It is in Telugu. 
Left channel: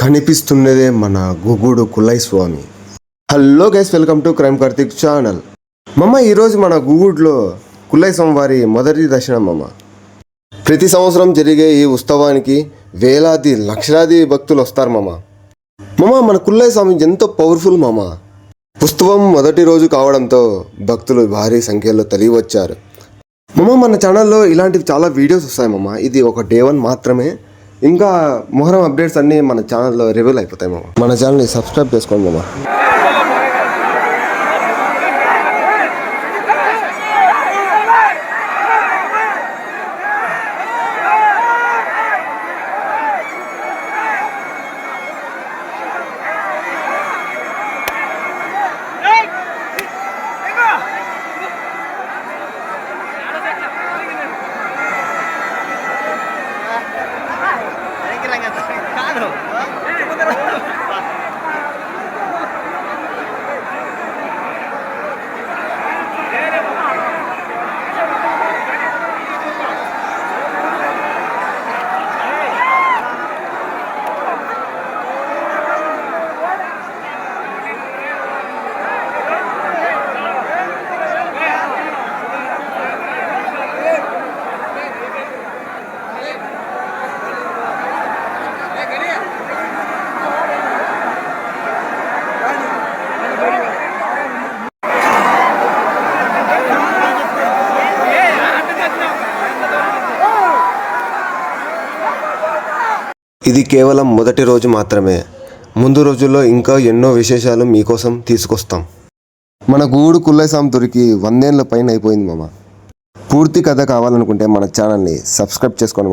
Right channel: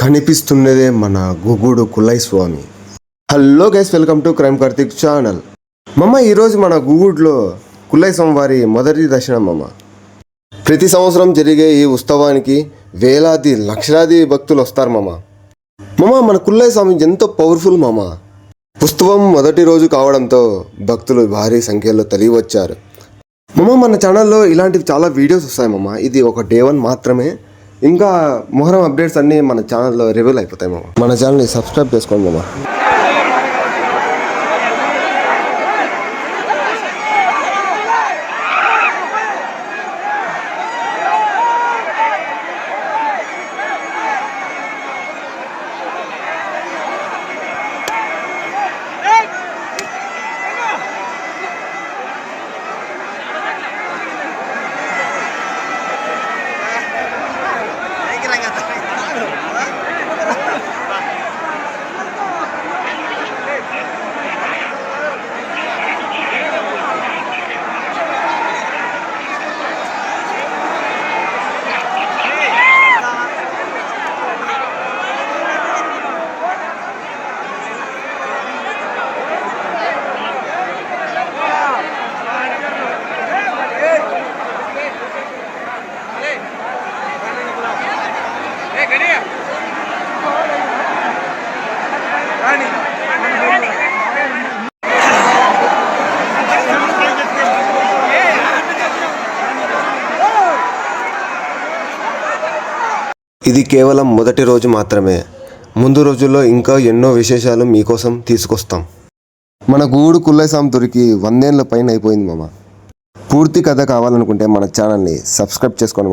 కనిపిస్తున్నదే మన Gugudu Kullayya Swamy. Hello guys, welcome to crime Karthik channel. ఈరోజు మన గుగుడులో కుల్లయ్య స్వామి వారి మొదటి దర్శనం. ప్రతి సంవత్సరం జరిగే ఈ ఉత్సవానికి వేలాది లక్షలాది భక్తులు వస్తారు. మన కుల్లయ్య స్వామి ఎంతో పవర్ఫుల్. ఉత్సవం మొదటి రోజు కావడంతో భక్తులు భారీ సంఖ్యలో తరలి వచ్చారు. మన ఛానల్లో ఇలాంటివి చాలా వీడియోస్ వస్తాయి. ఇది ఒక డే 1 మాత్రమే. ఇంకా మొహరం అప్డేట్స్ అన్నీ మన ఛానల్లో రివీల్ అయిపోతాయి. మన ఛానల్ని సబ్స్క్రైబ్ చేసుకోండి. ఇది కేవలం మొదటి రోజు మాత్రమే. ముందు రోజుల్లో ఇంకా ఎన్నో విశేషాలు మీకోసం తీసుకొస్తాం. మన గూడు కుల్లయ్య స్వామి దొరికి 100 ఏళ్ళ పైన అయిపోయింది. పూర్తి కథ కావాలనుకుంటే మన ఛానల్ని సబ్స్క్రైబ్ చేసుకోండి.